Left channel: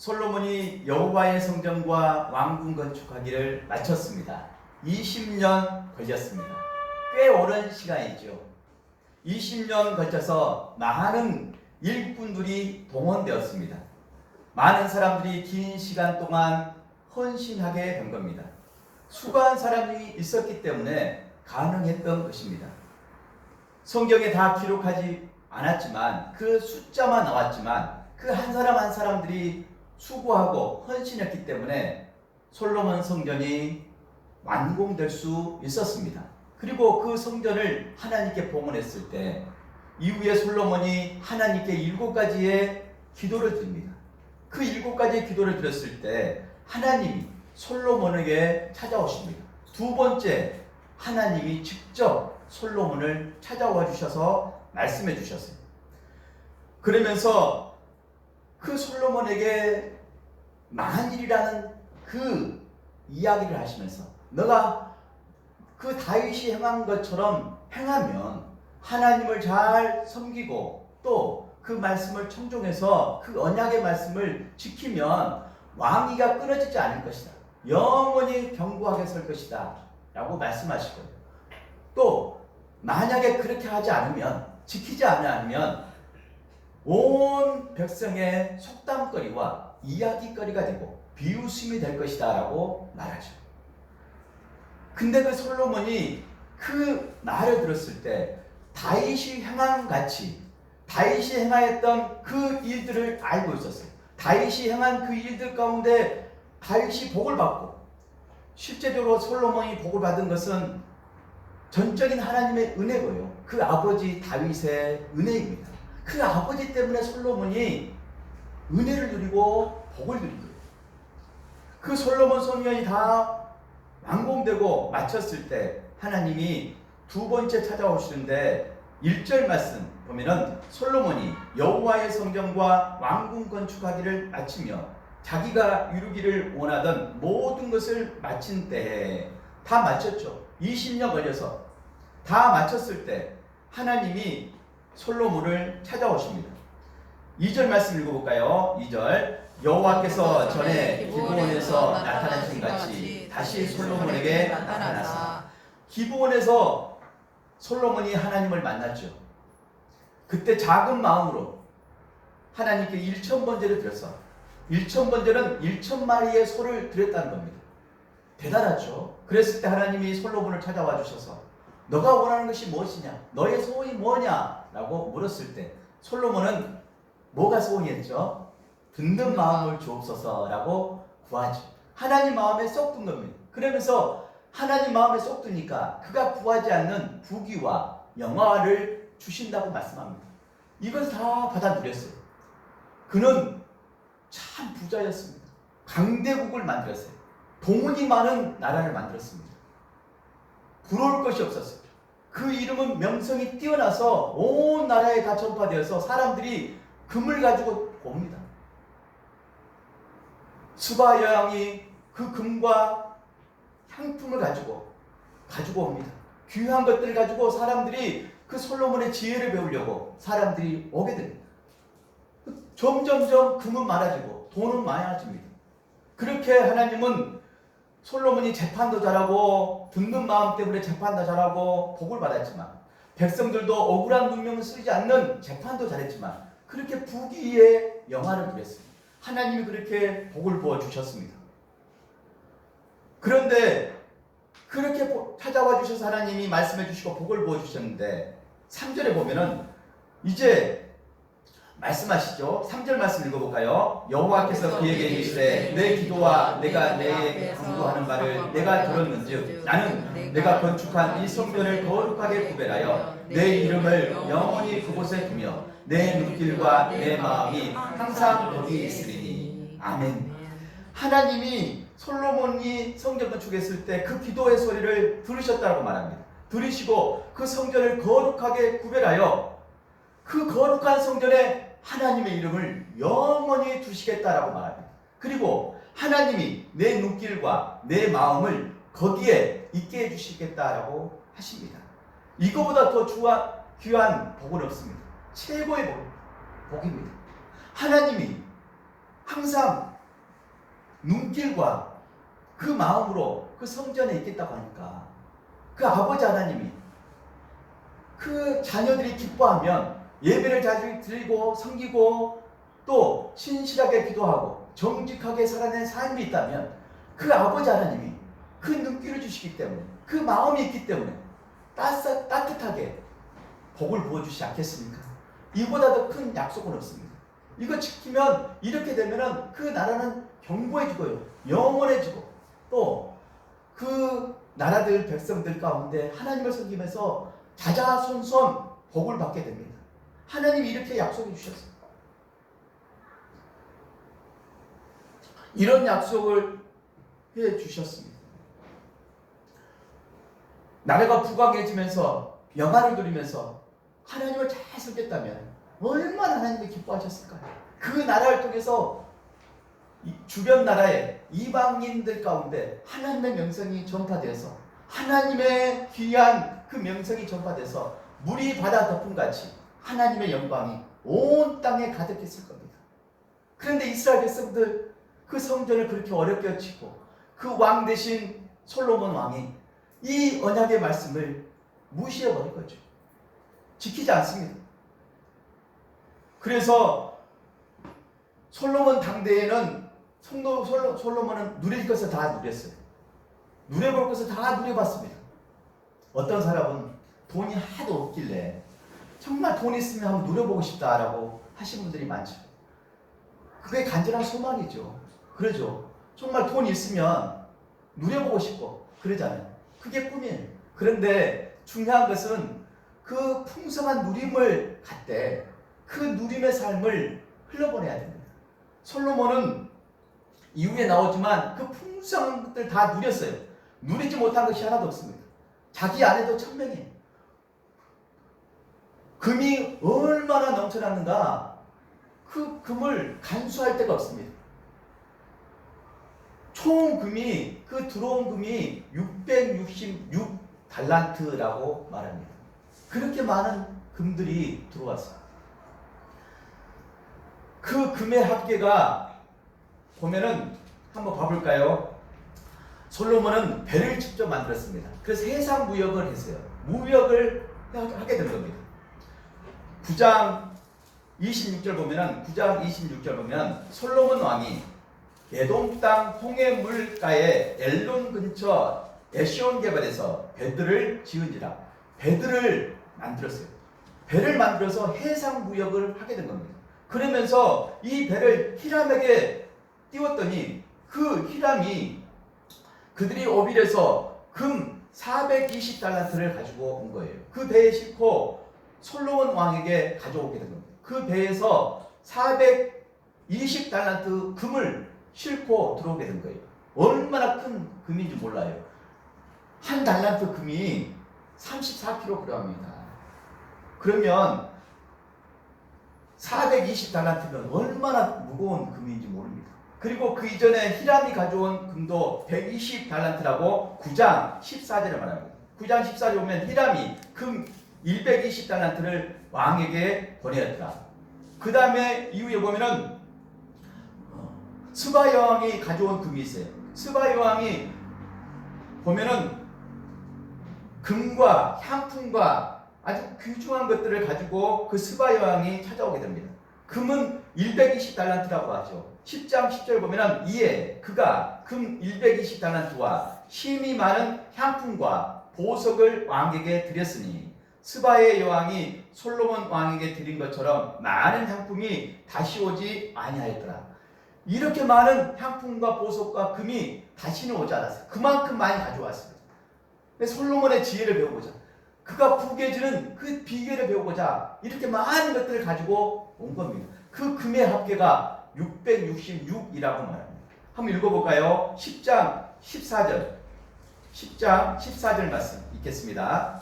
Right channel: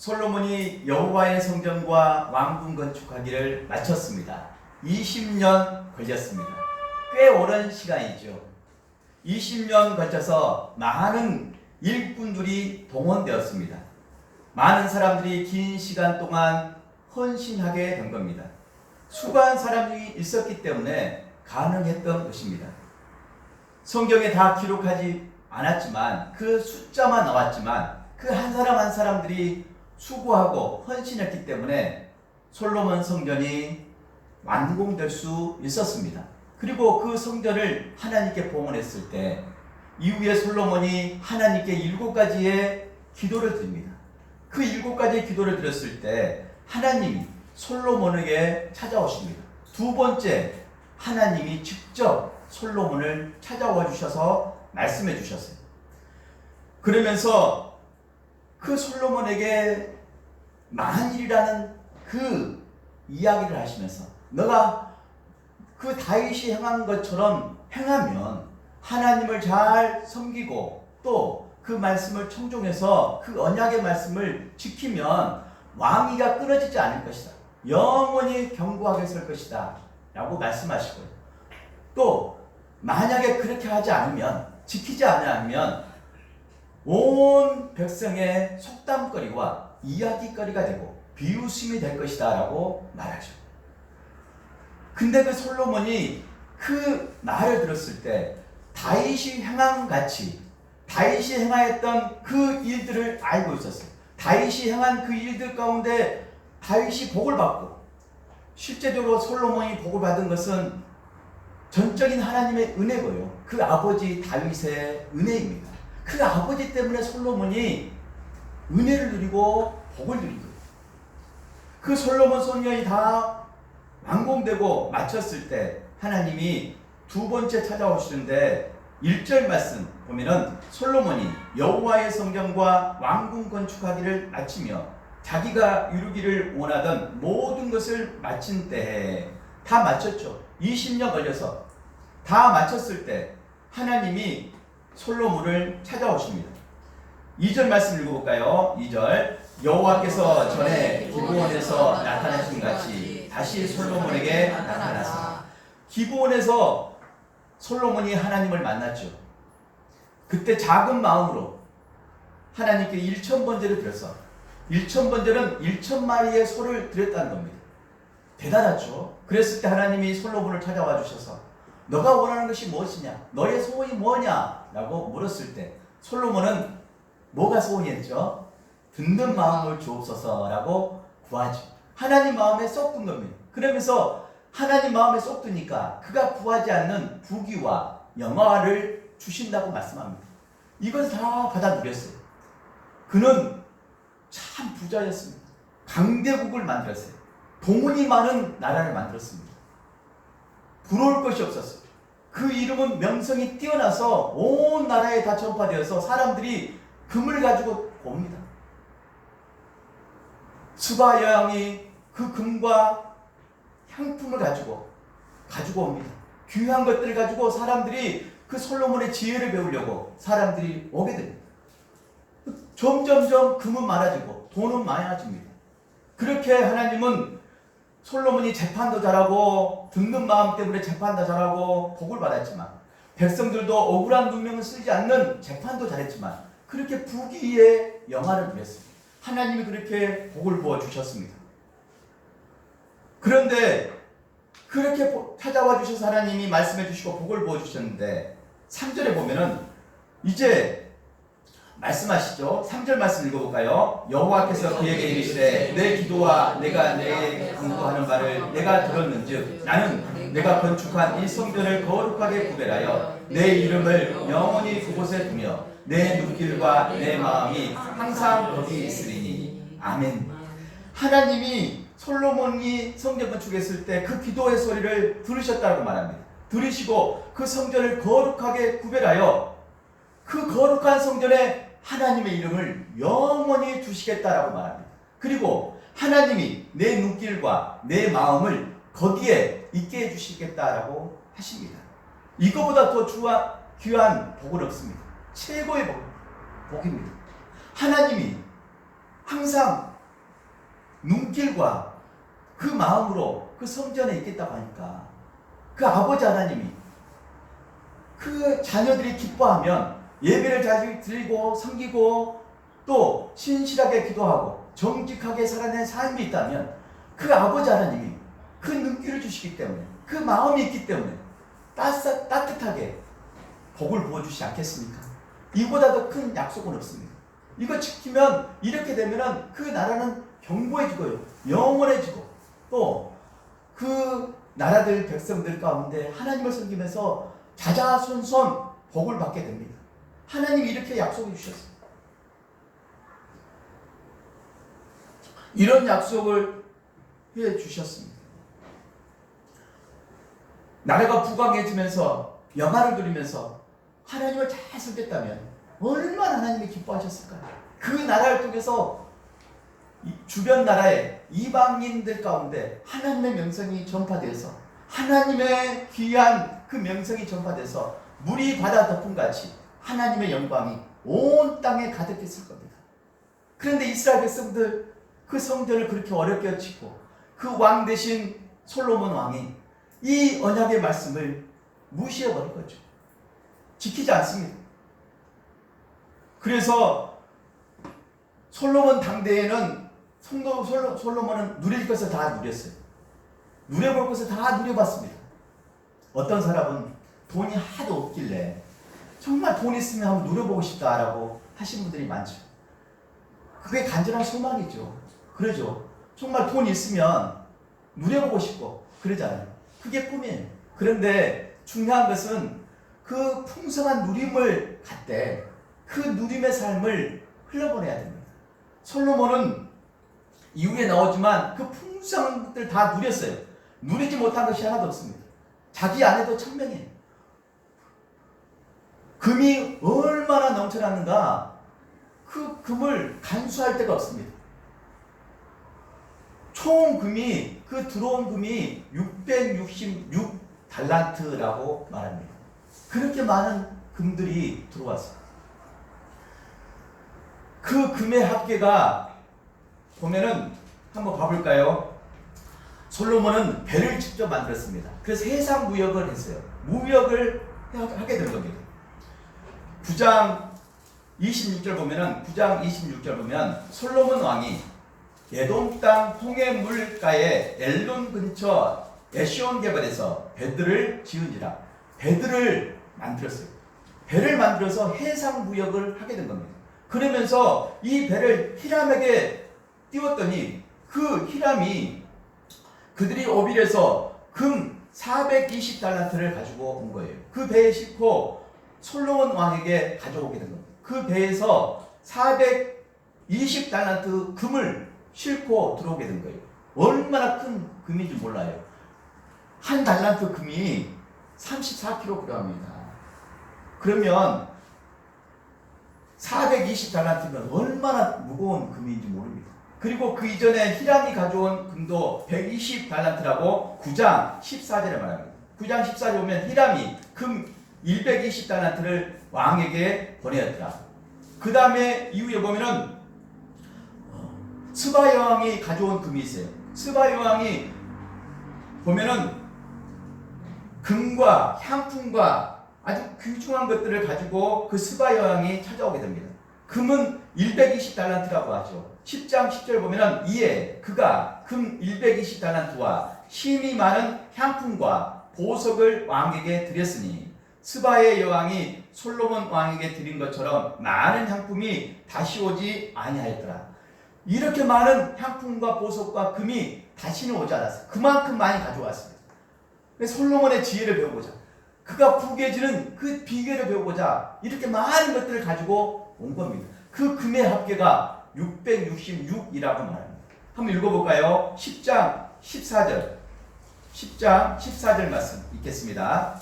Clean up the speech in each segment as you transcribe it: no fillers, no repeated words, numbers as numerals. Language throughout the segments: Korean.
솔로몬이 여호와의 성전과 왕궁 건축하기를 마쳤습니다. 20년 걸렸습니다. 꽤 오랜 시간이죠. 20년 걸쳐서 많은 일꾼들이 동원되었습니다. 많은 사람들이 긴 시간 동안 헌신하게 된 겁니다. 수고한 사람이 있었기 때문에 가능했던 것입니다. 성경에 다 기록하지 않았지만 그 숫자만 나왔지만 그 한 사람 한 사람들이 수고하고 헌신했기 때문에 솔로몬 성전이 완공될 수 있었습니다. 그리고 그 성전을 하나님께 봉헌했을 때 이후에 솔로몬이 하나님께 7가지의 기도를 드립니다. 그 7가지의 기도를 드렸을 때 하나님이 솔로몬에게 찾아오십니다. 두 번째, 하나님이 직접 솔로몬을 찾아와 주셔서 말씀해 주셨어요. 그러면서 그 솔로몬에게 만일이라는 그 이야기를 하시면서 너가 그 다윗이 행한 것처럼 행하면 하나님을 잘 섬기고 또 그 말씀을 청종해서 그 언약의 말씀을 지키면 왕위가 끊어지지 않을 것이다. 영원히 견고하게 설 것이다. 라고 말씀하시고요. 또 만약에 그렇게 하지 않으면, 지키지 않으면 온 백성의 속담거리와 이야기거리가 되고 비웃음이 될 것이다 라고 말하죠. 근데 그 솔로몬이 그 말을 들었을 때 다윗이 행한 같이 다윗이 행하였던 그 일들을 알고 있었어요. 다윗이 행한 그 일들 가운데 다윗이 복을 받고 실제적으로 솔로몬이 복을 받은 것은 전적인 하나님의 은혜고요. 그 아버지 다윗의 은혜입니다. 그 아버지 때문에 솔로몬이 은혜를 누리고 복을 누린 거예요. 그 솔로몬 성전이 다 완공되고 마쳤을 때 하나님이 두 번째 찾아오시는데 1절 말씀 보면은 솔로몬이 여호와의 성전과 왕궁 건축하기를 마치며 자기가 이루기를 원하던 모든 것을 마친 때에 다 마쳤죠. 20년 걸려서 다 마쳤을 때 하나님이 솔로몬을 찾아오십니다. 2절 말씀 읽어볼까요? 2절 여호와께서 전에 기브온에서 나타나신 같이 다시 솔로몬에게 나타나사. 기브온에서 솔로몬이 하나님을 만났죠. 그때 작은 마음으로 하나님께 1,000번제를 드렸어. 1,000번제는 1,000마리의 소를 드렸다는 겁니다. 대단하죠. 그랬을 때 하나님이 솔로몬을 찾아와 주셔서 너가 원하는 것이 무엇이냐? 너의 소원이 뭐냐? 라고 물었을 때 솔로몬은 뭐가 소원이었죠? 든든 마음을 주옵소서 라고 구하죠. 하나님 마음에 쏙 든 겁니다. 그러면서 하나님 마음에 쏙 드니까 그가 구하지 않는 부귀와 영화를 주신다고 말씀합니다. 이것을 다 받아 누렸어요. 그는 참 부자였습니다. 강대국을 만들었어요. 돈이 많은 나라를 만들었습니다. 부러울 것이 없었어요. 그 이름은 명성이 뛰어나서 온 나라에 다 전파되어서 사람들이 금을 가지고 옵니다. 수바 여왕이 그 금과 향품을 가지고 옵니다. 귀한 것들을 가지고 사람들이 그 솔로몬의 지혜를 배우려고 사람들이 오게 됩니다. 점점점 금은 많아지고 돈은 많아집니다. 그렇게 하나님은 솔로몬이 재판도 잘하고 든든 마음 때문에 재판도 잘하고 복을 받았지만 백성들도 억울한 문명을 쓰지 않는 재판도 잘했지만 그렇게 부귀의 영화를 누렸습니다. 하나님이 그렇게 복을 부어 주셨습니다. 그런데 그렇게 찾아와 주셔서 하나님이 말씀해 주시고 복을 부어 주셨는데 3절에 보면은 이제 말씀하시죠. 3절 말씀 읽어볼까요? 여호와께서 그에게 이르시되 내 기도와 내가 내게 간구하는 바를 내가 들었는즉 나는 내가 건축한 이 성전을 거룩하게 구별하여 내 이름을 영원히 그곳에 두며 내 눈길과 내 마음이 항상 거기 있으리니. 아멘. 하나님이 솔로몬이 성전 건축했을 때 그 기도의 소리를 들으셨다고 말합니다. 들으시고 그 성전을 거룩하게 구별하여 그 거룩한 성전에 하나님의 이름을 영원히 두시겠다라고 말합니다. 그리고 하나님이 내 눈길과 내 마음을 거기에 있게 해주시겠다라고 하십니다. 이거보다 더 귀한 복은 없습니다. 최고의 복입니다. 하나님이 항상 눈길과 그 마음으로 그 성전에 있겠다고 하니까 그 아버지 하나님이 그 자녀들이 기뻐하면 예배를 잘 드리고 섬기고 또 신실하게 기도하고 정직하게 살아낸 삶이 있다면 그 아버지 하나님이 그 눈길을 주시기 때문에 그 마음이 있기 때문에 따뜻하게 복을 부어주시지 않겠습니까? 이보다 더 큰 약속은 없습니다. 이거 지키면 이렇게 되면 그 나라는 견고해지고요, 영원해지고 또 그 나라들 백성들 가운데 하나님을 섬기면서 자자손손 복을 받게 됩니다. 하나님이 이렇게 약속해 주셨어요. 이런 약속을 해 주셨습니다. 나라가 부강해지면서 영화를 누리면서 하나님을 잘 섬겼다면 얼마나 하나님이 기뻐하셨을까요? 그 나라를 통해서 주변 나라의 이방인들 가운데 하나님의 명성이 전파돼서 하나님의 귀한 그 명성이 전파돼서 물이 바다 덮음같이 하나님의 영광이 온 땅에 가득했을 겁니다. 그런데 이스라엘 백성들 그 성전을 그렇게 어렵게 짓고 그 왕 대신 솔로몬 왕이 이 언약의 말씀을 무시해버린 거죠. 지키지 않습니다. 그래서 솔로몬 당대에는 솔로몬은 누릴 것을 다 누렸어요. 누려볼 것을 다 누려봤습니다. 어떤 사람은 돈이 하도 없길래 정말 돈 있으면 한번 누려보고 싶다라고 하신 분들이 많죠. 그게 간절한 소망이죠. 그러죠. 정말 돈 있으면 누려보고 싶고 그러잖아요. 그게 꿈이에요. 그런데 중요한 것은 그 풍성한 누림을 갖되 그 누림의 삶을 흘러보내야 됩니다. 솔로몬은 이후에 나오지만 그 풍성한 것들 다 누렸어요. 누리지 못한 것이 하나도 없습니다. 자기 아내도 천명이에요. 금이 얼마나 넘쳐났는가, 그 금을 간수할 데가 없습니다. 총 금이, 그 들어온 금이 666달란트라고 말합니다. 그렇게 많은 금들이 들어왔어요. 그 금의 합계가 보면은 한번 봐볼까요? 솔로몬은 배를 직접 만들었습니다. 그래서 해상 무역을 했어요. 무역을 하게 된 겁니다. 9장 26절 보면은 9장 26절 보면 솔로몬 왕이 에돔 땅 홍해 물가에 엘론 근처 에시온 개발에서 배들을 지은지라. 배들을 만들었어요. 배를 만들어서 해상 무역을 하게 된 겁니다. 그러면서 이 배를 히람에게 띄웠더니 그 히람이 그들이 오빌에서 금 420달란트를 가지고 온 거예요. 그 배에 싣고 솔로몬 왕에게 가져오게 된 겁니다. 그 배에서 420달란트 금을 싣고 들어오게 된 거예요. 얼마나 큰 금인지 몰라요. 한 달란트 금이 34kg입니다. 그러면 420달란트면 얼마나 무거운 금인지 모릅니다. 그리고 그 이전에 히람이 가져온 금도 120달란트라고 9장 14절에 말합니다. 9장 14절에 보면 히람이 금 120달란트를 왕에게 보내었다. 그 다음에 이후에 보면은 스바 여왕이 가져온 금이 있어요. 스바 여왕이 보면은 금과 향품과 아주 귀중한 것들을 가지고 그 스바 여왕이 찾아오게 됩니다. 금은 120달란트라고 하죠. 10장 10절 보면은 이에 그가 금 120달란트와 힘이 많은 향품과 보석을 왕에게 드렸으니 스바의 여왕이 솔로몬 왕에게 드린 것처럼 많은 향품이 다시 오지 아니하였더라. 이렇게 많은 향품과 보석과 금이 다시는 오지 않았어요. 그만큼 많이 가져왔습니다. 솔로몬의 지혜를 배우고자, 그가 부귀해지는 그 비결을 배우고자 이렇게 많은 것들을 가지고 온 겁니다. 그 금의 합계가 666이라고 말합니다. 한번 읽어볼까요? 10장 14절 10장 14절 말씀 읽겠습니다.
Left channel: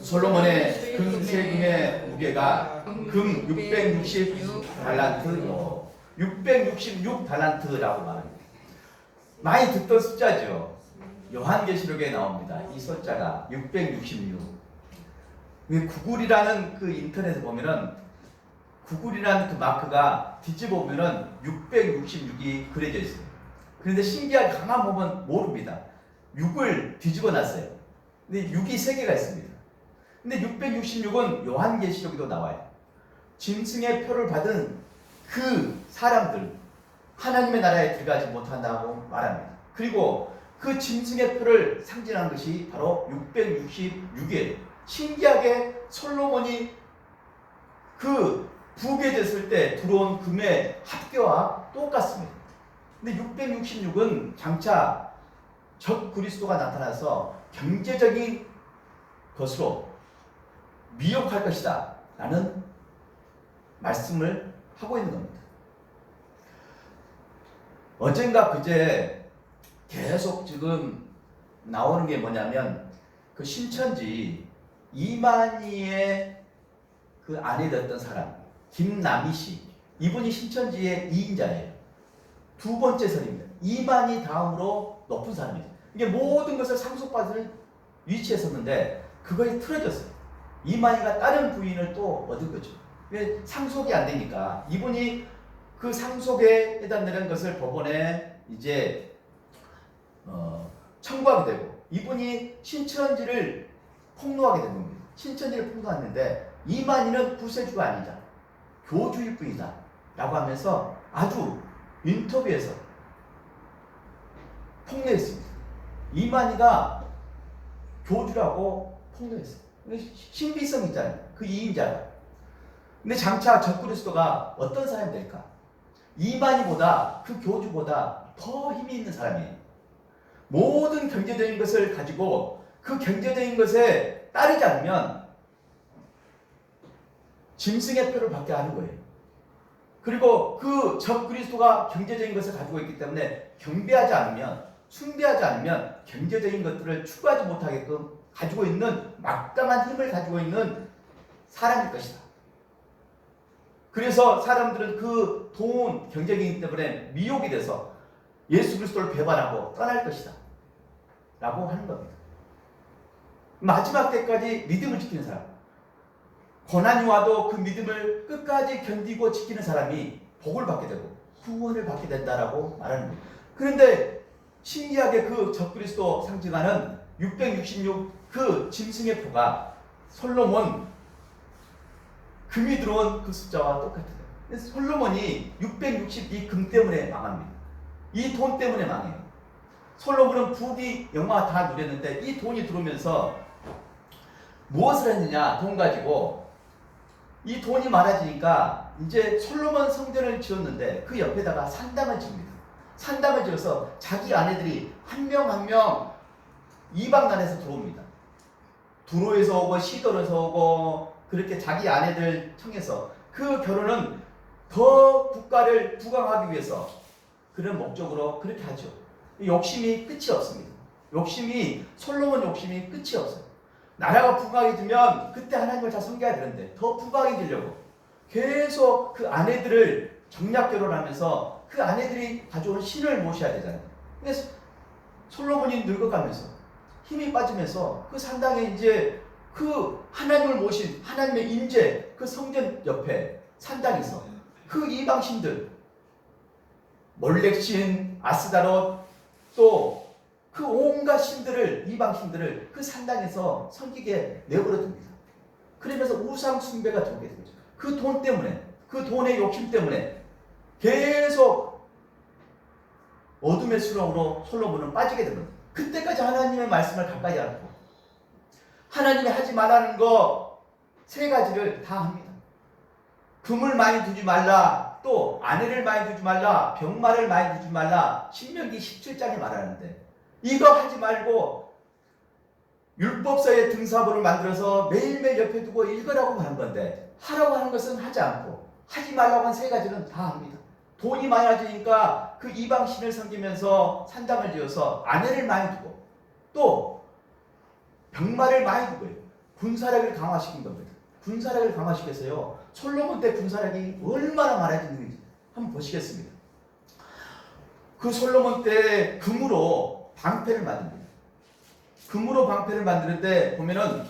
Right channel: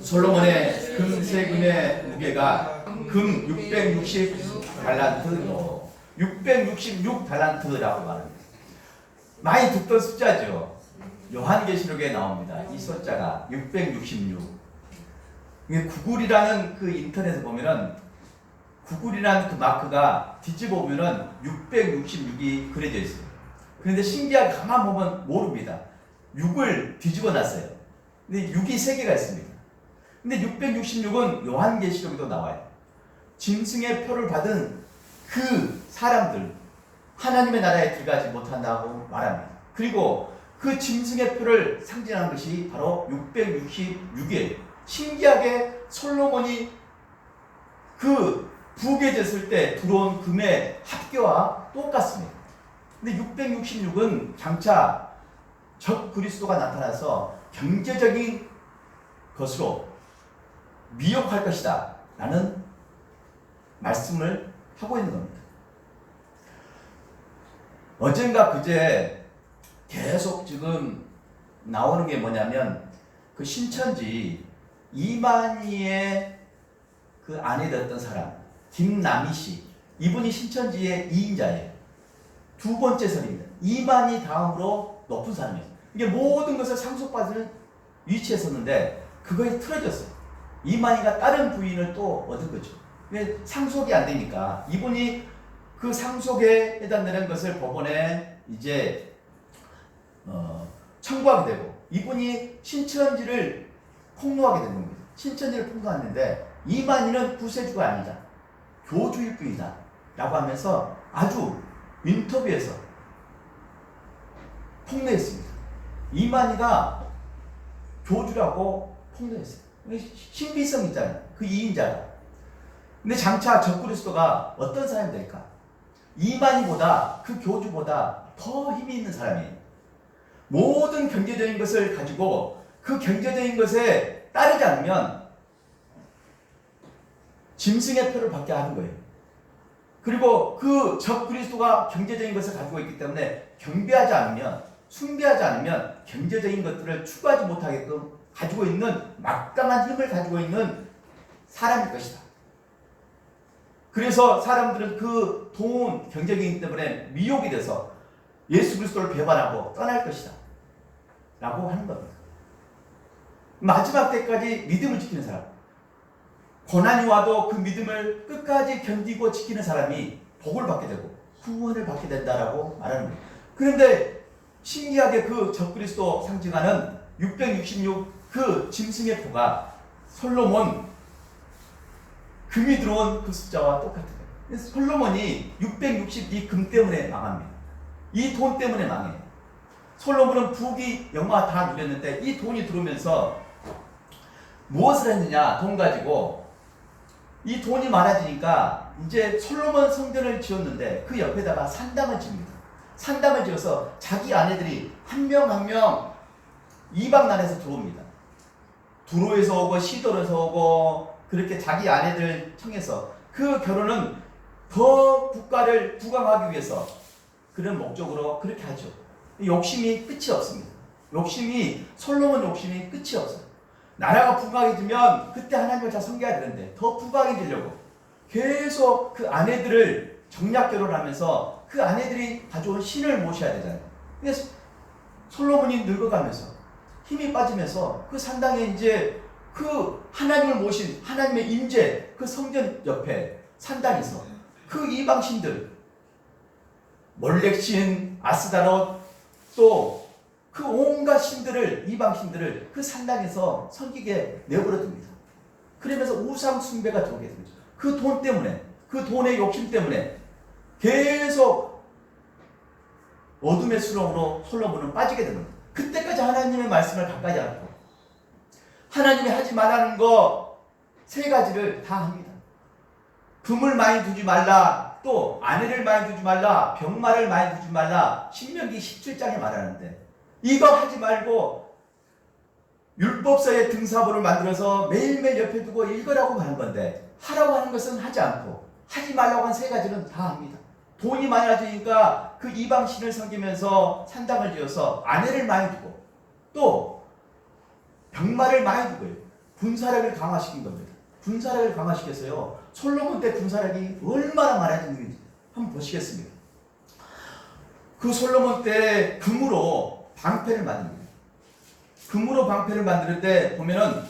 솔로몬의 금세금의 무게가 금 666달란트요. 666달란트라고 말합니다. 많이 듣던 숫자죠. 요한계시록에 나옵니다. 이 숫자가 666. 구글이라는 그 인터넷에 보면은 구글이라는 그 마크가 뒤집어 보면은 666이 그려져 있습니다. 그런데 신기하게 가만 보면 모릅니다. 6을 뒤집어 놨어요. 근데 6이 3개가 있습니다. 근데 666은 요한계시록에도 나와요. 짐승의 표를 받은 그 사람들, 하나님의 나라에 들어가지 못한다고 말합니다. 그리고 그 짐승의 표를 상징하는 것이 바로 666이에요. 신기하게 솔로몬이 그 부게 됐을 때 들어온 금의 합계와 똑같습니다. 근데 666은 장차 적 그리스도가 나타나서 경제적인 것으로 미혹할 것이다 라는 말씀을 하고 있는 겁니다. 어젠가 그제 계속 지금 나오는 게 뭐냐면 그 신천지 이만희의 그 아내 됐던 사람 김남희 씨, 이분이 신천지의 2인자예요. 두 번째 선입니다. 이만희 다음으로 높은 사람이에요. 이게 모든 것을 상속받을 위치에 섰는데 그거에 틀어졌어요. 이만희가 다른 부인을 또 얻은 거죠. 왜 상속이 안 되니까 이분이 그 상속에 해당되는 것을 법원에 이제 청구하게 되고, 이분이 신천지를 폭로하게 된 겁니다. 신천지를 폭로하는데 이만희는 구세주가 아니다, 교주일 뿐이다 라고 하면서 아주 인터뷰에서 폭로했습니다. 이만희가 교주라고 폭로했어요. 신비성 있잖아요, 그 2인자가. 근데 장차 적그리스도가 어떤 사람이 될까? 이만희보다, 그 교주보다 더 힘이 있는 사람이에요. 모든 경제적인 것을 가지고 그 경제적인 것에 따르지 않으면 짐승의 표를 받게 하는 거예요. 그리고 그 적그리스도가 경제적인 것을 가지고 있기 때문에 경배하지 않으면, 숭배하지 않으면 경제적인 것들을 추구하지 못하게끔 가지고 있는 막강한 힘을 가지고 있는 사람일 것이다. 그래서 사람들은 그 돈, 경제이기 때문에 미혹이 돼서 예수 그리스도를 배반하고 떠날 것이다 라고 하는 겁니다. 마지막 때까지 믿음을 지키는 사람, 고난이 와도 그 믿음을 끝까지 견디고 지키는 사람이 복을 받게 되고 구원을 받게 된다라고 말하는 거예요. 그런데 신기하게 그 적그리스도 상징하는 666 그 짐승의 표가 솔로몬 금이 들어온 그 숫자와 똑같아요. 솔로몬이 662 금 때문에 망합니다. 이 돈 때문에 망해요. 솔로몬은 부귀 영화 다 누렸는데 이 돈이 들어오면서 무엇을 했느냐, 돈 가지고. 이 돈이 많아지니까 이제 솔로몬 성전을 지었는데 그 옆에다가 산당을 지습니다. 산당을 지어서 자기 아내들이 한 명 한 명 이방난에서 들어옵니다. 두로에서 오고 시돌에서 오고 그렇게 자기 아내들 청해서 그 결혼은 더 국가를 부강하기 위해서 그런 목적으로 그렇게 하죠. 욕심이 끝이 없습니다. 솔로몬 욕심이 끝이 없어요. 나라가 부강해지면 그때 하나님을 잘 섬겨야 되는데 더 부강해지려고 계속 그 아내들을 정략 결혼하면서 그 아내들이 가져온 신을 모셔야 되잖아요. 그래서 솔로몬이 늙어가면서 힘이 빠지면서 그 산당에 이제 그 하나님을 모신 하나님의 임재, 그 성전 옆에 산당에서 그 이방신들, 몰렉신, 아스다롯, 또 그 온갖 신들을, 이방신들을 그 산당에서 섬기게 내버려 둡니다. 그러면서 우상 숭배가 들어오게 되죠. 그 돈 때문에, 그 돈의 욕심 때문에 계속 어둠의 수렁으로 솔로몬은 빠지게 됩니다. 그때까지 하나님의 말씀을 가까이 않고 하나님이 하지 말라는 거 3가지를 다 합니다. 금을 많이 두지 말라, 또 아내를 많이 두지 말라, 병마를 많이 두지 말라, 신명기 17장에 말하는데 이거 하지 말고 율법서의 등사본을 만들어서 매일매일 옆에 두고 읽으라고 하는 건데 하라고 하는 것은 하지 않고 하지 말라고 한 3가지는 다 합니다. 돈이 많아지니까 그 이방신을 섬기면서 산당을 지어서 아내를 많이 두고 또 병마를 많이 두고요. 군사력을 강화시킨 겁니다. 군사력을 강화시켜서요. 솔로몬 때 군사력이 얼마나 많아지는지 한번 보시겠습니다. 그 솔로몬 때 금으로 방패를 만듭니다. 금으로 방패를 만들 때 보면은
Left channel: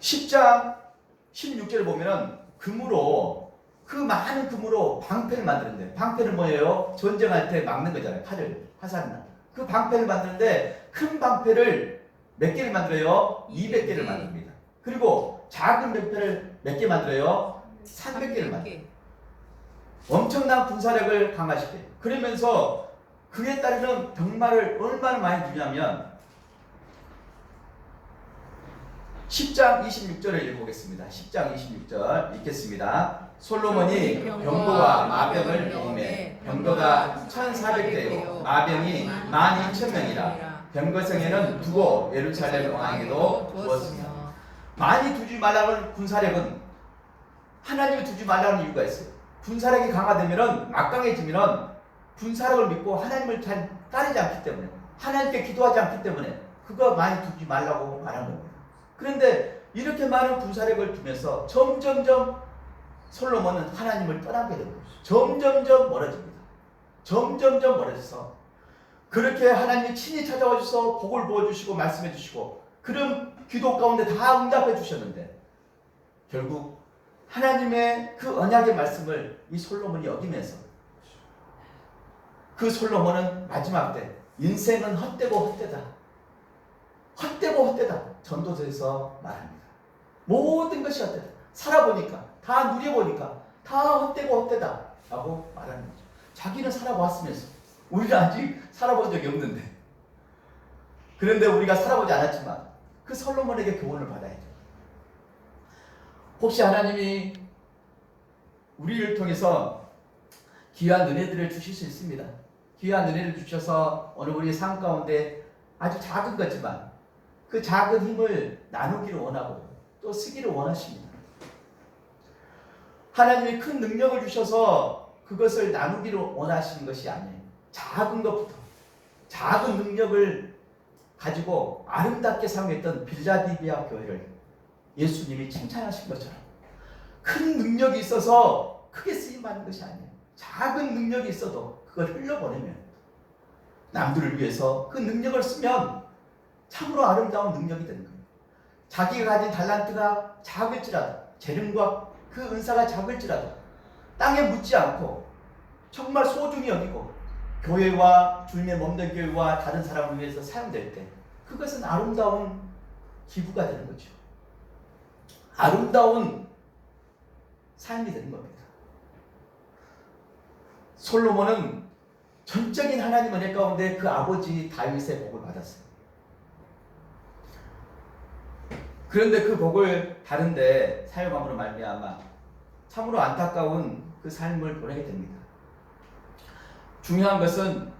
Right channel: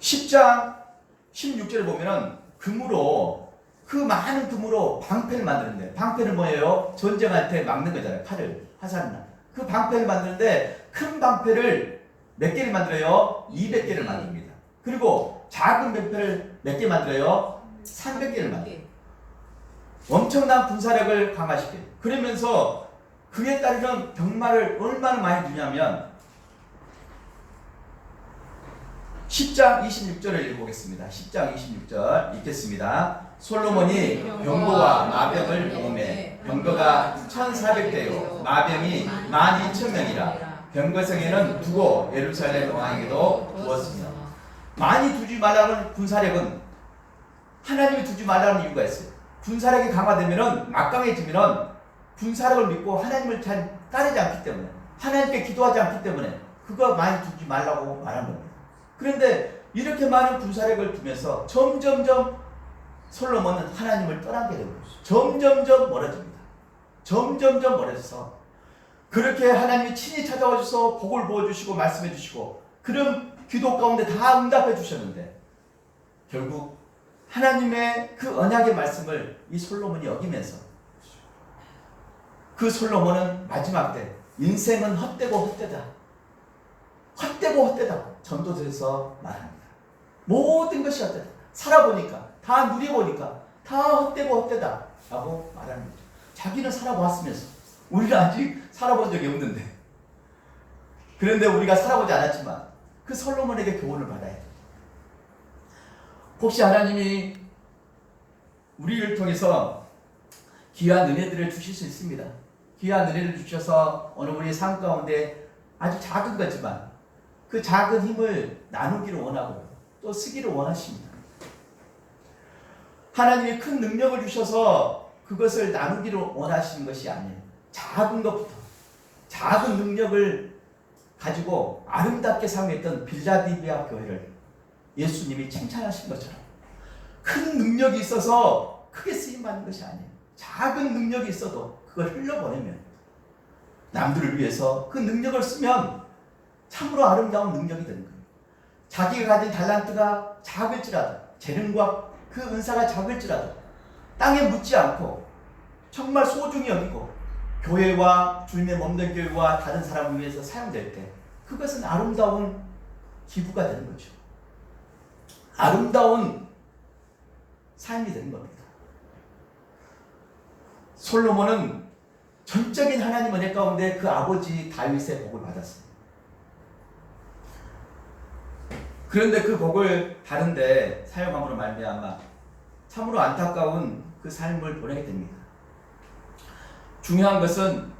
10장 16절에 보면은 금으로, 그 많은 금으로 방패를 만드는데, 방패는 뭐예요? 전쟁할 때 막는 거잖아요. 칼을, 화살이나. 그 방패를 만드는데 큰 방패를 몇 개를 만들어요? 200개를 만듭니다. 그리고 작은 방패를 몇 개 만들어요? 300개를 만들어요. 엄청난 군사력을 강화시켜요. 그러면서 그에 따르는 병마를 얼마나 많이 주냐면 10장 26절을 읽어보겠습니다. 10장 26절 읽겠습니다. 솔로몬이 병거와 마병을 모음해 병거가 1400대요 마병이 12,000명이라 병거성에는 두고 예루살렘 왕에게도 두었습니다. 많이 두지 말라는 군사력은 하나님이 두지 말라는 이유가 있어요. 군사력이 강화되면은 막강해지면은 군사력을 믿고 하나님을 잘 따르지 않기 때문에, 하나님께 기도하지 않기 때문에 그거 많이 두지 말라고 말한 겁니다. 그런데 이렇게 많은 군사력을 두면서 점점점 솔로몬은 하나님을 떠나게 되는 거죠. 점점점 멀어집니다. 점점점 멀어져서 그렇게 하나님이 친히 찾아와 주셔서 복을 부어주시고 말씀해 주시고 그런 기도 가운데 다 응답해 주셨는데 결국 하나님의 그 언약의 말씀을 이 솔로몬이 여기면서 그 솔로몬은 마지막 때 인생은 헛되고 헛되다. 헛되고 헛되다. 전도서에서 말합니다. 모든 것이 헛되다. 살아보니까, 다 누려보니까 다 헛되고 헛되다 라고 말하는 거죠. 자기는 살아봤으면서 우리는 아직 살아본 적이 없는데, 그런데 우리가 살아보지 않았지만 그 솔로몬에게 교훈을 받아야 돼요. 혹시 하나님이 우리를 통해서 귀한 은혜들을 주실 수 있습니다. 귀한 은혜를 주셔서 오늘 우리의 삶 가운데 아주 작은 거지만 그 작은 힘을 나누기를 원하고 또 쓰기를 원하십니다. 하나님이 큰 능력을 주셔서 그것을 나누기를 원하시는 것이 아니에요. 작은 것부터, 작은 능력을 가지고 아름답게 사용했던 빌라델비아 교회를 예수님이 칭찬하신 것처럼 큰 능력이 있어서 크게 쓰임받는 것이 아니에요. 작은 능력이 있어도 그걸 흘려보내면 남들을 위해서 그 능력을 쓰면 참으로 아름다운 능력이 되는 거예요. 자기가 가진 달란트가 작을지라도, 재능과 그 은사가 작을지라도 땅에 묻지 않고 정말 소중히 여기고 교회와 주님의 몸된 교회와 다른 사람을 위해서 사용될 때 그것은 아름다운 기부가 되는 거죠. 아름다운 삶이 되는 겁니다. 솔로몬은 전적인 하나님 은혜 가운데 그 아버지 다윗의 복을 받았어요. 그런데 그 복을 다른데 사용함으로 말미암아 참으로 안타까운 그 삶을 보내게 됩니다. 중요한 것은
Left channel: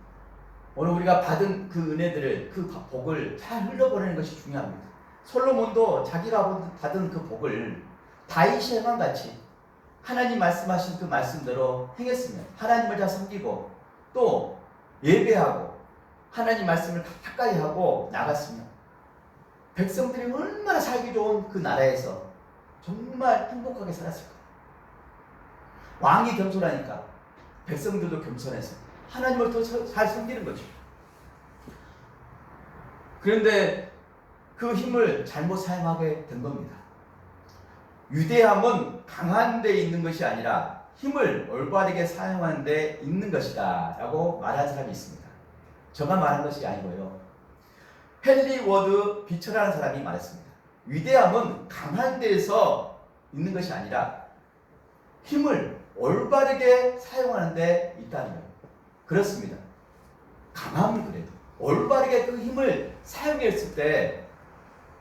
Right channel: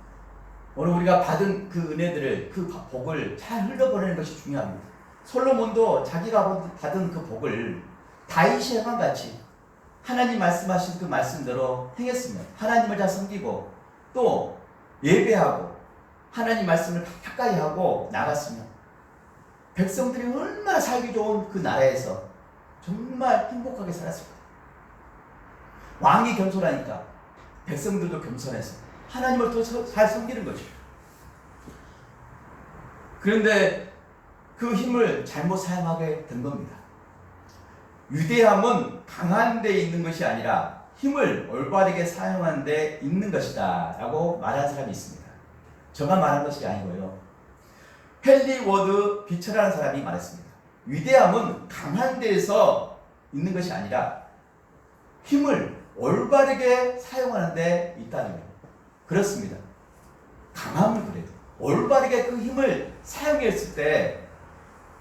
오늘 우리가 받은 그 은혜들을, 그 복을 잘 흘려보내는 것이 중요합니다. 솔로몬도 자기가 받은 그 복을 다윗이 행한 같이 하나님 말씀하신 그 말씀대로 행했으면, 하나님을 잘 섬기고 또 예배하고 하나님 말씀을 가까이 하고 나갔으면 백성들이 얼마나 살기 좋은 그 나라에서 정말 행복하게 살았을 거예요. 왕이 겸손하니까 백성들도 겸손해서 하나님을 더 잘 섬기는 거죠. 그런데 그 힘을 잘못 사용하게 된 겁니다. 위대함은 강한 데 있는 것이 아니라 힘을 올바르게 사용하는 데 있는 것이다 라고 말한 사람이 있습니다. 저만 말한 것이 아니고요. 헨리 워드 비처라는 사람이 말했습니다. 위대함은 강한 데에서 있는 것이 아니라 힘을 올바르게 사용하는 데 있다는 거예요. 그렇습니다. 강함은 그래도 올바르게 그 힘을 사용했을 때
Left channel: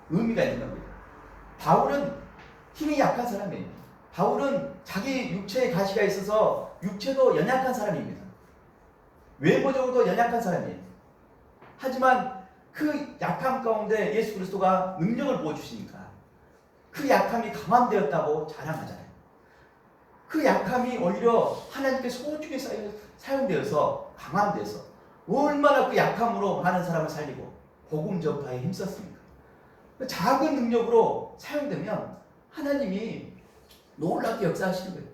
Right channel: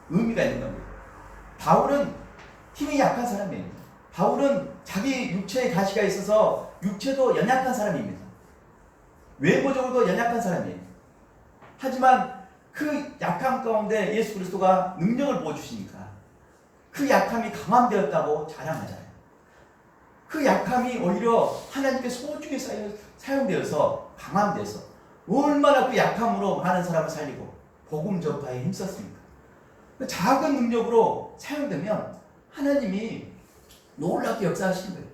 의미가 있는 겁니다. 바울은 힘이 약한 사람이에요. 바울은 자기 육체에 가시가 있어서 육체도 연약한 사람입니다. 외모적으로도 연약한 사람이에요. 하지만 그 약함 가운데 예수 그리스도가 능력을 부어주시니까 그 약함이 강함되었다고 자랑하잖아요. 그 약함이 오히려 하나님께 소중히 사용되어서 강함돼서 얼마나 그 약함으로 많은 사람을 살리고 복음 전파에 힘썼습니까? 작은 능력으로 사용되면 하나님이 놀랍게 역사하시는 거예요.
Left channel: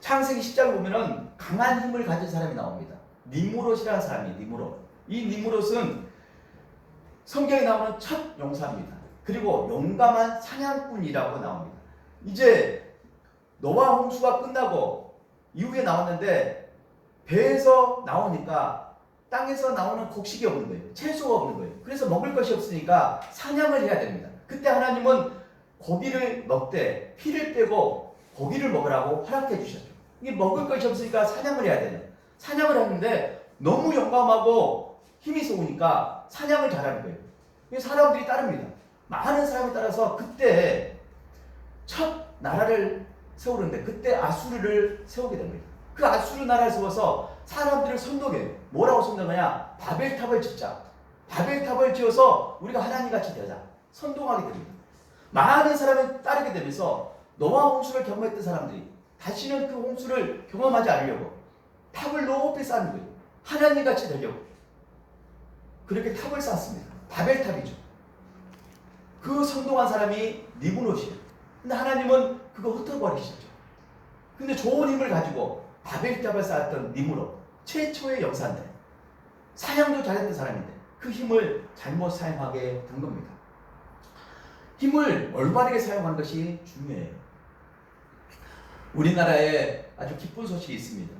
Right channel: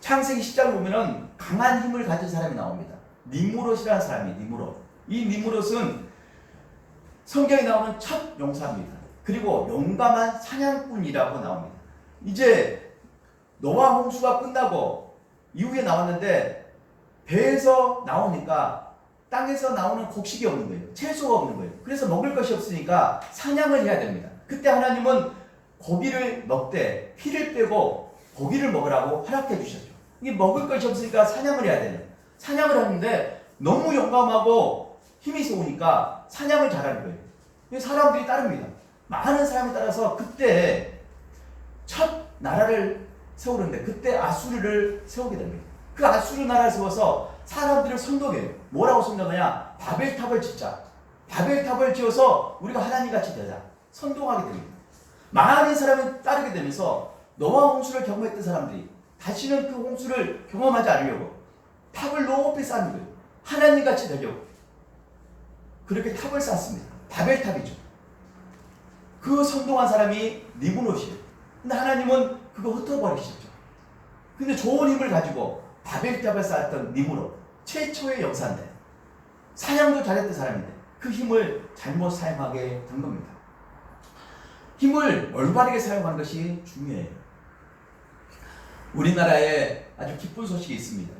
창세기 10장 보면은 강한 힘을 가진 사람이 나옵니다. 니무롯이라는 사람이 니무롯. 이 니무롯은 성경에 나오는 첫 용사입니다. 그리고 용감한 사냥꾼이라고 나옵니다. 이제 노아 홍수가 끝나고 이후에 나왔는데 배에서 나오니까 땅에서 나오는 곡식이 없는 거예요. 채소가 없는 거예요. 그래서 먹을 것이 없으니까 사냥을 해야 됩니다. 그때 하나님은 고기를 먹되 피를 빼고 고기를 먹으라고 허락해 주셨죠. 이게 먹을 것이 없으니까 사냥을 해야 돼요. 사냥을 하는데 너무 용감하고 힘이 좋으니까 사냥을 잘하는 거예요. 사람들이 따릅니다. 많은 사람이 따라서 그때 첫 나라를 세우는데 그때 아수르를 세우게 됩니다. 그 아수르 나라를 세워서 사람들을 선동해요. 뭐라고 선동하냐? 바벨탑을 짓자. 바벨탑을 지어서 우리가 하나님같이 되자. 선동하게 됩니다. 많은 사람이 따르게 되면서 노아 홍수를 경험했던 사람들이 다시는 그 홍수를 경험하지 않으려고 탑을 높이 쌓는 거예요. 하나님같이 되려고. 그렇게 탑을 쌓습니다. 바벨탑이죠. 그 선동한 사람이 니브롯이에요. 근데 하나님은 그거 흩어버리셨죠. 근데 좋은 힘을 가지고 바벨탑을 쌓았던 니브롯, 최초의 역사인데 사냥도 잘했던 사람인데 그 힘을 잘못 사용하게 된 겁니다. 힘을 올바르게 사용하는 것이 중요해요. 우리나라에 아주 기쁜 소식이 있습니다.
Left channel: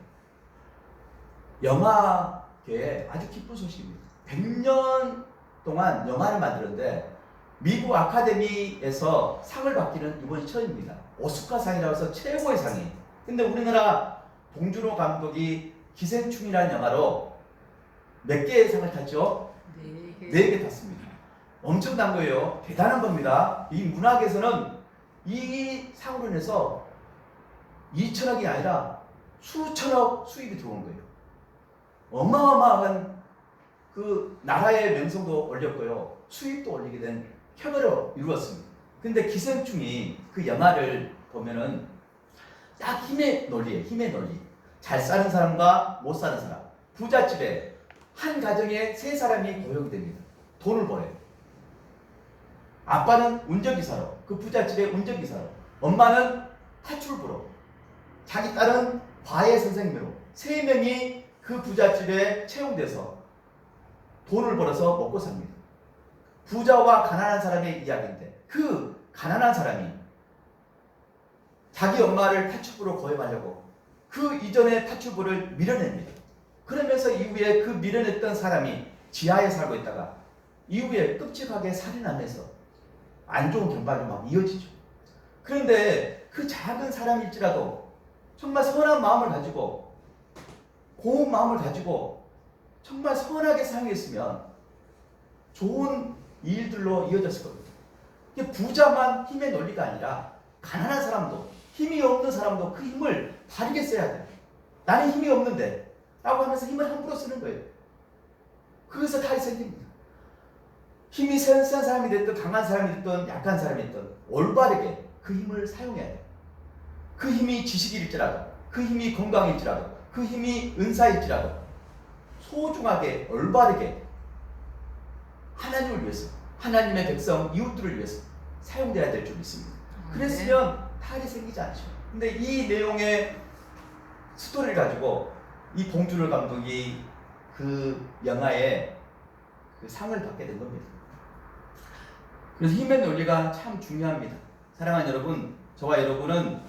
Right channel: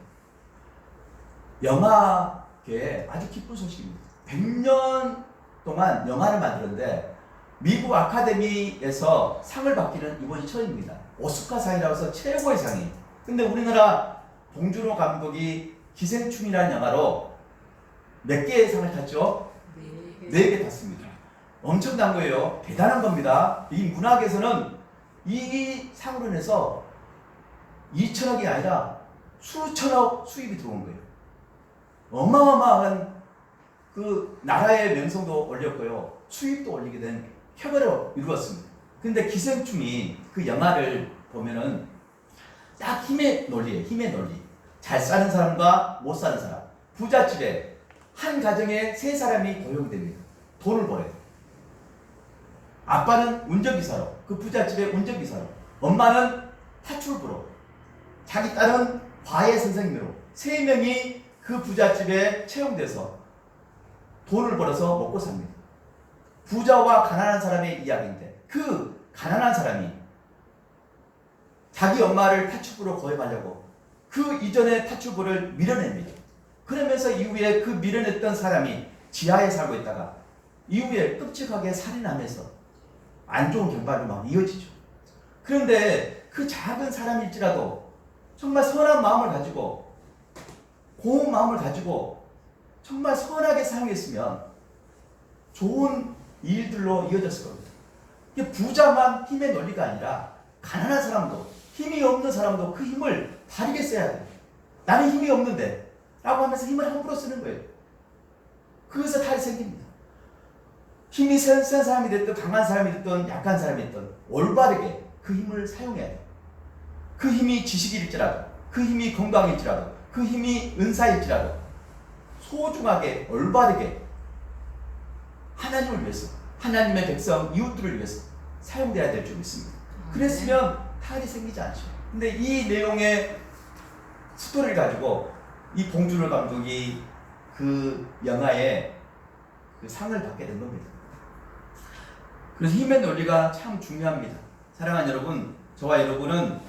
영화계에 아주 기쁜 소식입니다. 100년 동안 영화를 만들었는데 미국 아카데미에서 상을 받기는 이번이 처음입니다. 오스카상이라고 해서 최고의 상이에요. 근데 우리나라 봉준호 감독이 기생충이라는 영화로 몇 개의 상을 탔죠? 4개 탔습니다. 엄청난 거예요. 대단한 겁니다. 이 문학에서는 이 상으로 인해서 2천억이 아니라 수천억 수입이 들어온 거예요. 어마어마한 그 나라의 명성도 올렸고요. 수입도 올리게 된 쾌거를 이루었습니다. 근데 기생충이 그 영화를 보면은 딱 힘의 논리예요. 힘의 논리. 잘 사는 사람과 못 사는 사람. 부잣집에 한 가정에 3사람이 고용이 됩니다. 돈을 벌어요. 아빠는 운전기사로, 그 부잣집의 운전기사로, 엄마는 파출부로, 자기 딸은 과외 선생님으로 3명이 그 부잣집에 채용돼서 돈을 벌어서 먹고 삽니다. 부자와 가난한 사람의 이야기인데 그 가난한 사람이 자기 엄마를 파출부로 고용하려고 그 이전의 파출부를 밀어냅니다. 그러면서 이후에 그 밀어냈던 사람이 지하에 살고 있다가 이후에 끔찍하게 살인하면서 안 좋은 결말로 막 이어지죠. 그런데 그 작은 사람일지라도 정말 선한 마음을 가지고 고운 마음을 가지고 정말 선하게 사용했으면 좋은 일들로 이어졌을 겁니다. 이게 부자만 힘의 논리가 아니라 가난한 사람도 힘이 없는 사람도 그 힘을 다르게 써야 돼요. 나는 힘이 없는데 라고 하면서 힘을 함부로 쓰는 거예요. 그래서 탈이 생깁니다. 힘이 센 사람이 됐든 강한 사람이 됐든 약한 사람이 됐든 올바르게 그 힘을 사용해야 돼요. 그 힘이 지식일지라도 그 힘이 건강일지라도 그 힘이 은사일지라도 소중하게 올바르게 하나님을 위해서 하나님의 백성 이웃들을 위해서 사용돼야 될 줄 믿습니다. 그랬으면 탈이 생기지 않죠. 근데 이 내용의 스토리를 가지고 이 봉준호 감독이 그 영화에 그 상을 받게 된 겁니다. 그래서 힘의 논리가 참 중요합니다. 사랑하는 여러분, 저와 여러분은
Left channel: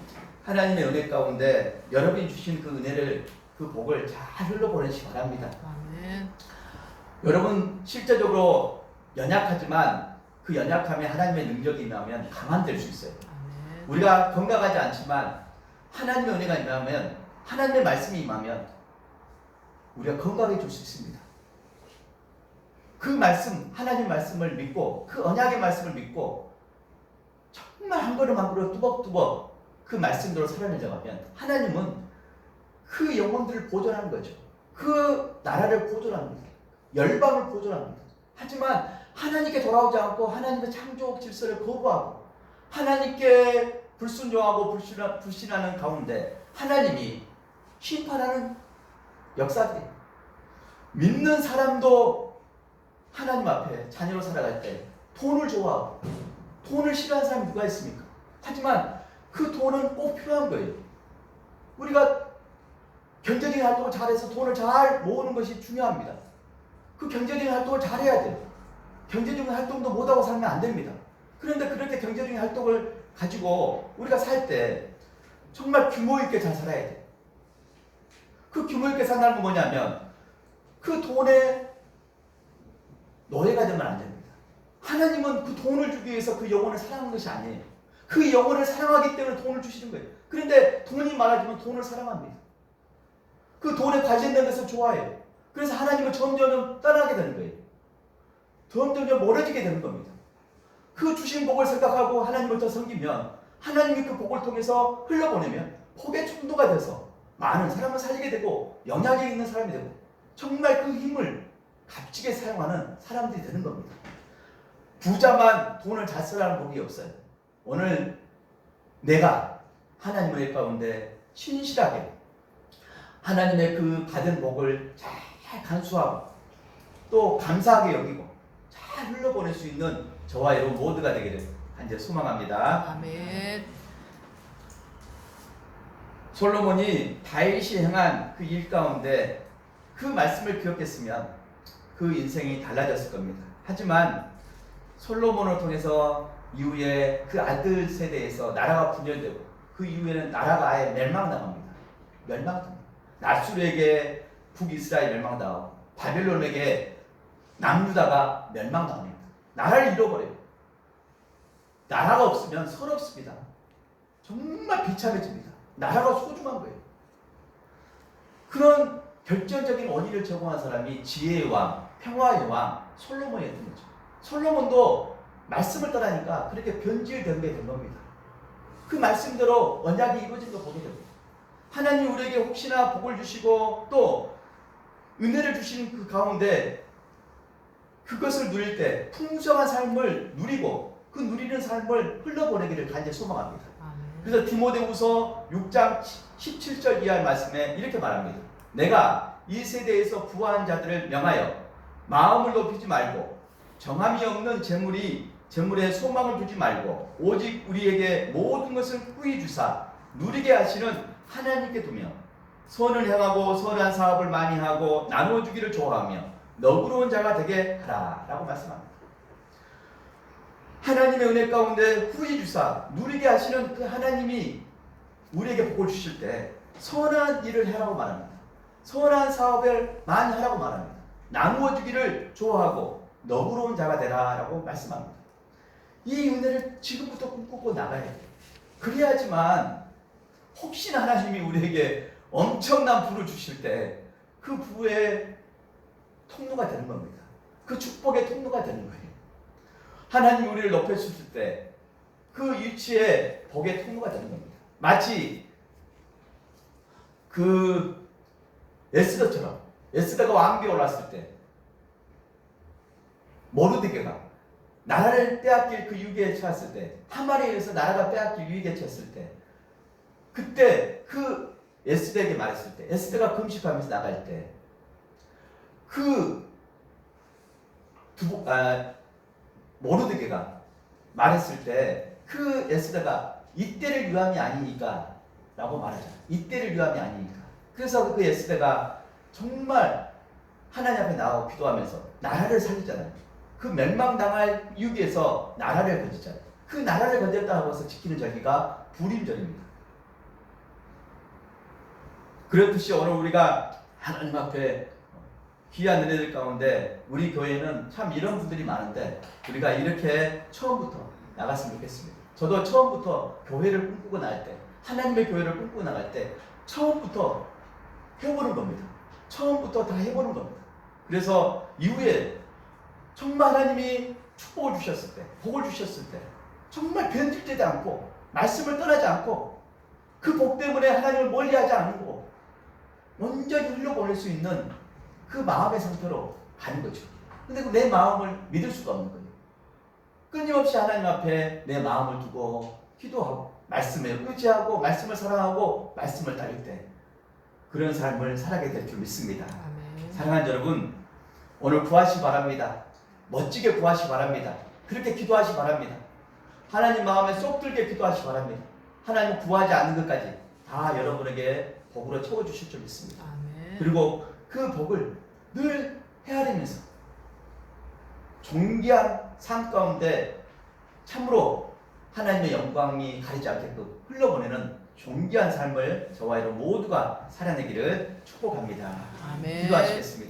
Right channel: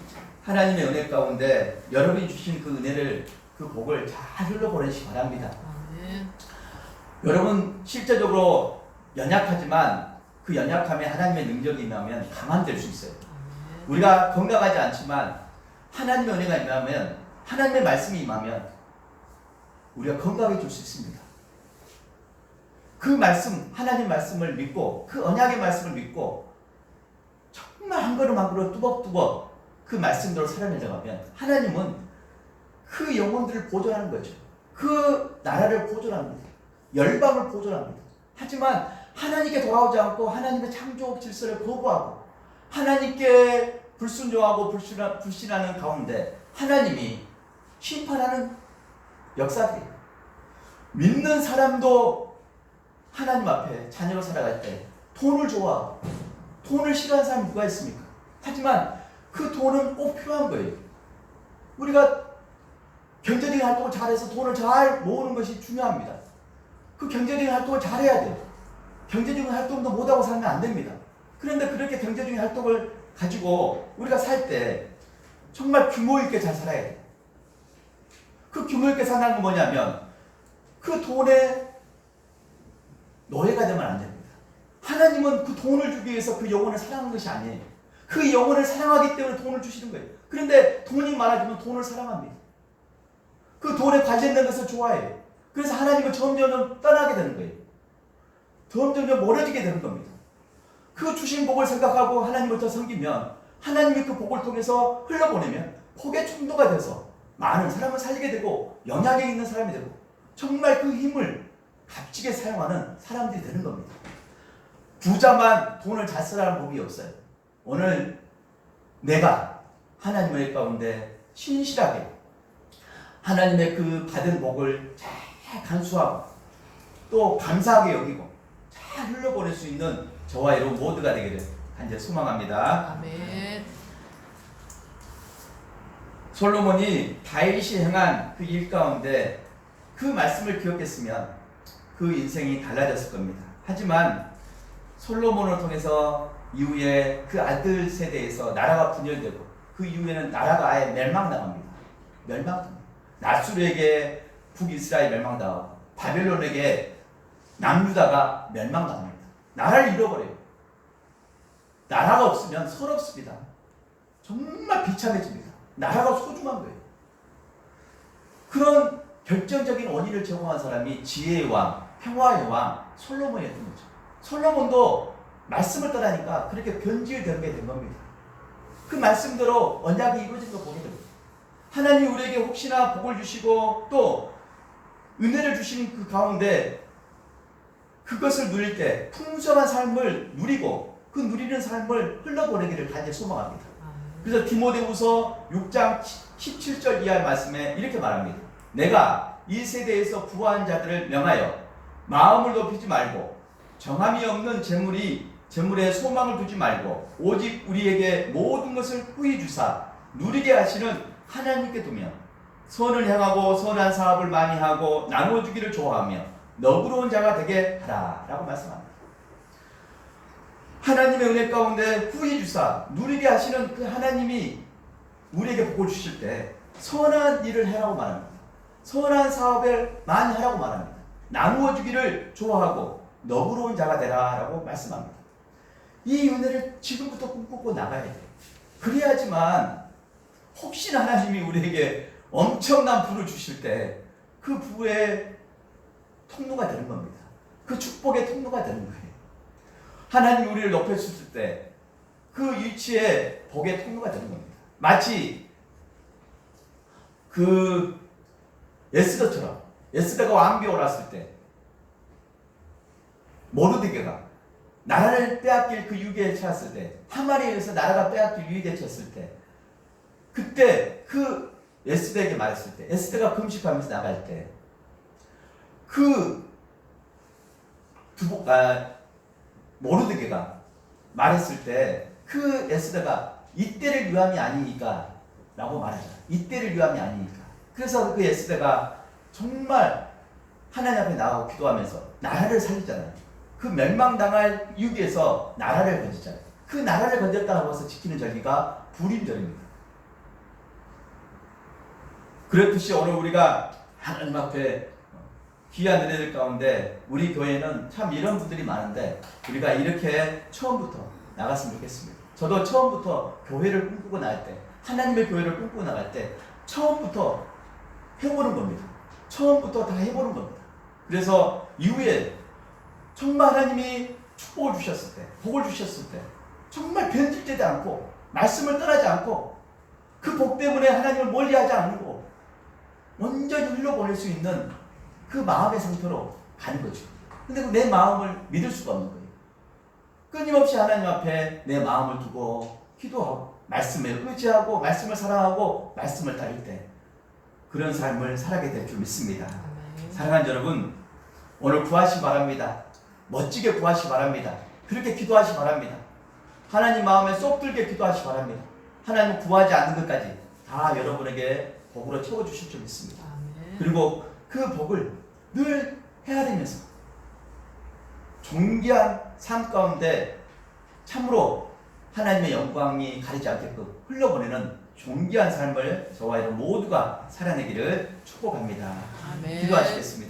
하나님의 은혜 가운데 여러분이 주신 그 은혜를 그 복을 잘 흘러보내시기 바랍니다. 여러분 실제적으로 연약하지만 그 연약함에 하나님의 능력이 임하면 강한 될 수 있어요. 우리가 건강하지 않지만 하나님의 은혜가 임하면 하나님의 말씀이 임하면 우리가 건강해질 수 있습니다. 그 말씀, 하나님 말씀을 믿고 그 언약의 말씀을 믿고 정말 한 걸음 한 걸음 뚜벅뚜벅 그 말씀대로 살아내려가면 하나님은 그 영혼들을 보존하는 거죠. 그 나라를 보존합니다. 열방을 보존합니다. 하지만 하나님께 돌아오지 않고 하나님의 창조 질서를 거부하고 하나님께 불순종하고 불신하는 가운데 하나님이 심판하는 역사들이에요. 믿는 사람도 하나님 앞에 자녀로 살아갈 때 돈을 좋아하고 돈을 싫어하는 사람이 누가 있습니까? 하지만 그 돈은 꼭 필요한 거예요. 우리가 경제적인 활동을 잘해서 돈을 잘 모으는 것이 중요합니다. 그 경제적인 활동을 잘해야 돼요. 경제적인 활동도 못하고 살면 안 됩니다. 그런데 그렇게 경제적인 활동을 가지고 우리가 살 때 정말 규모 있게 잘 살아야 돼. 그 규모 있게 산다는 건 뭐냐면 그 돈에 노예가 되면 안 됩니다. 하나님은 그 돈을 주기 위해서 그 영혼을 사랑하는 것이 아니에요. 그 영혼을 사랑하기 때문에 돈을 주시는 거예요. 그런데 돈이 많아지면 돈을 사랑합니다. 그 돈에 관련된 것을 좋아해요. 그래서 하나님을 점점 떠나게 되는 거예요. 점점 멀어지게 되는 겁니다. 그 주신 복을 생각하고 하나님을 더 섬기면 하나님이 그 복을 통해서 흘러보내면 복의 충도가 돼서 많은 사람을 살리게 되고 영향력 있는 사람이 되고 정말 그 힘을 값지게 사용하는 사람들이 되는 겁니다. 부자만 돈을 잘 쓰라는 법이 없어요. 오늘 내가 하나님의 일 가운데 신실하게 하나님의 그 받은 복을 잘 간수하고 또 감사하게 여기고 잘 흘려보낼 수 있는 저와 여러분 모두가 되기를 간절히 소망합니다. 아멘. 솔로몬이 다윗이 행한 그 일 가운데 그 말씀을 기억했으면 그 인생이 달라졌을 겁니다. 하지만 솔로몬을 통해서 이후에 그 아들 세대에서 나라가 분열되고 그 이후에는 나라가 아예 멸망당합니다. 멸망당합니다. 나수르에게 북이스라엘 멸망당하고 바벨론에게 남유다가 멸망당합니다. 나라를 잃어버려요. 나라가 없으면 서럽습니다. 정말 비참해집니다. 나라가 소중한 거예요. 그런 결정적인 원인을 제공한 사람이 지혜의 왕, 평화의 왕 솔로몬이었던 거죠. 솔로몬도 말씀을 따라니까 그렇게 변질되게 된 겁니다. 그 말씀대로 언약이 이루어진 거 보게 됩니다. 하나님이 우리에게 혹시나 복을 주시고 또 은혜를 주시는 그 가운데 그것을 누릴 때 풍성한 삶을 누리고 그 누리는 삶을 흘러보내기를 간절히 소망합니다. 그래서 디모데후서 6장 17절 이하의 말씀에 이렇게 말합니다. 내가 이 세대에서 부한 자들을 명하여 마음을 높이지 말고 정함이 없는 재물에 소망을 두지 말고 오직 우리에게 모든 것을 후히 주사 누리게 하시는 하나님께 두며 선을 행하고 선한 사업을 많이 하고 나누어 주기를 좋아하며 너그러운 자가 되게 하라 라고 말씀합니다. 하나님의 은혜 가운데 후히 주사 누리게 하시는 그 하나님이 우리에게 복을 주실 때 선한 일을 해라고 말합니다. 선한 사업을 많이 하라고 말합니다. 나누어 주기를 좋아하고 너그러운 자가 되라 라고 말씀합니다. 이 은혜를 지금부터 꿈꾸고 나가야 돼요. 그래야지만 혹시나 하나님이 우리에게 엄청난 부를 주실 때 그 부의 통로가 되는 겁니다. 그 축복의 통로가 되는 거예요. 하나님이 우리를 높여주실 때 그 위치에 복의 통로가 되는 겁니다. 마치 그 에스더처럼 에스더가 왕비에 올랐을 때 모르드게가 나라를 빼앗길 그 위기에 처했을 때 하만에 의해서 나라가 빼앗길 위기에 처했을 때 그때 그 에스더에게 말했을 때 에스더가 금식하면서 나갈 때 그 모르드게가 말했을 때 그 에스더가 이때를 위함이 아니니까 라고 말하잖아요. 이때를 위함이 아니니까. 그래서 그 에스더가 정말 하나님 앞에 나가고 기도하면서 나라를 살리잖아요. 그 멸망당할 위기에서 나라를 건지잖아요. 그 나라를 건졌다고 해서 지키는 절기가 불임절입니다. 그렇듯이 오늘 우리가 하나님 앞에 귀한 은혜들 가운데 우리 교회는 참 이런 분들이 많은데 우리가 이렇게 처음부터 나갔으면 좋겠습니다. 저도 처음부터 교회를 꿈꾸고 나갈 때 하나님의 교회를 꿈꾸고 나갈 때 처음부터 해보는 겁니다. 처음부터 다 해보는 겁니다. 그래서 이후에 정말 하나님이 축복을 주셨을 때 복을 주셨을 때 정말 변질되지 않고 말씀을 떠나지 않고 그 복 때문에 하나님을 멀리하지 않고 온전히 흘려보낼 수 있는 그 마음의 상태로 가는 거죠. 근데 내 마음을 믿을 수가 없는 거예요. 끊임없이 하나님 앞에 내 마음을 두고 기도하고 말씀에 의지하고 말씀을 사랑하고 말씀을 따를 때 그런 삶을 살아게 될 줄 믿습니다. 사랑하는 여러분, 오늘 구하시 바랍니다. 멋지게 구하시 바랍니다. 그렇게 기도하시 바랍니다. 하나님 마음에 쏙 들게 기도하시 바랍니다. 하나님 구하지 않는 것까지 다 여러분에게 복으로 채워주실 줄 믿습니다. 그리고 그 복을 늘 헤아리면서 존귀한 삶 가운데 참으로 하나님의 영광이 가리지 않게끔 흘러보내는 존귀한 삶을 저와 여러분 모두가 살아내기를 축복합니다. 아멘. 기도하시겠습니다.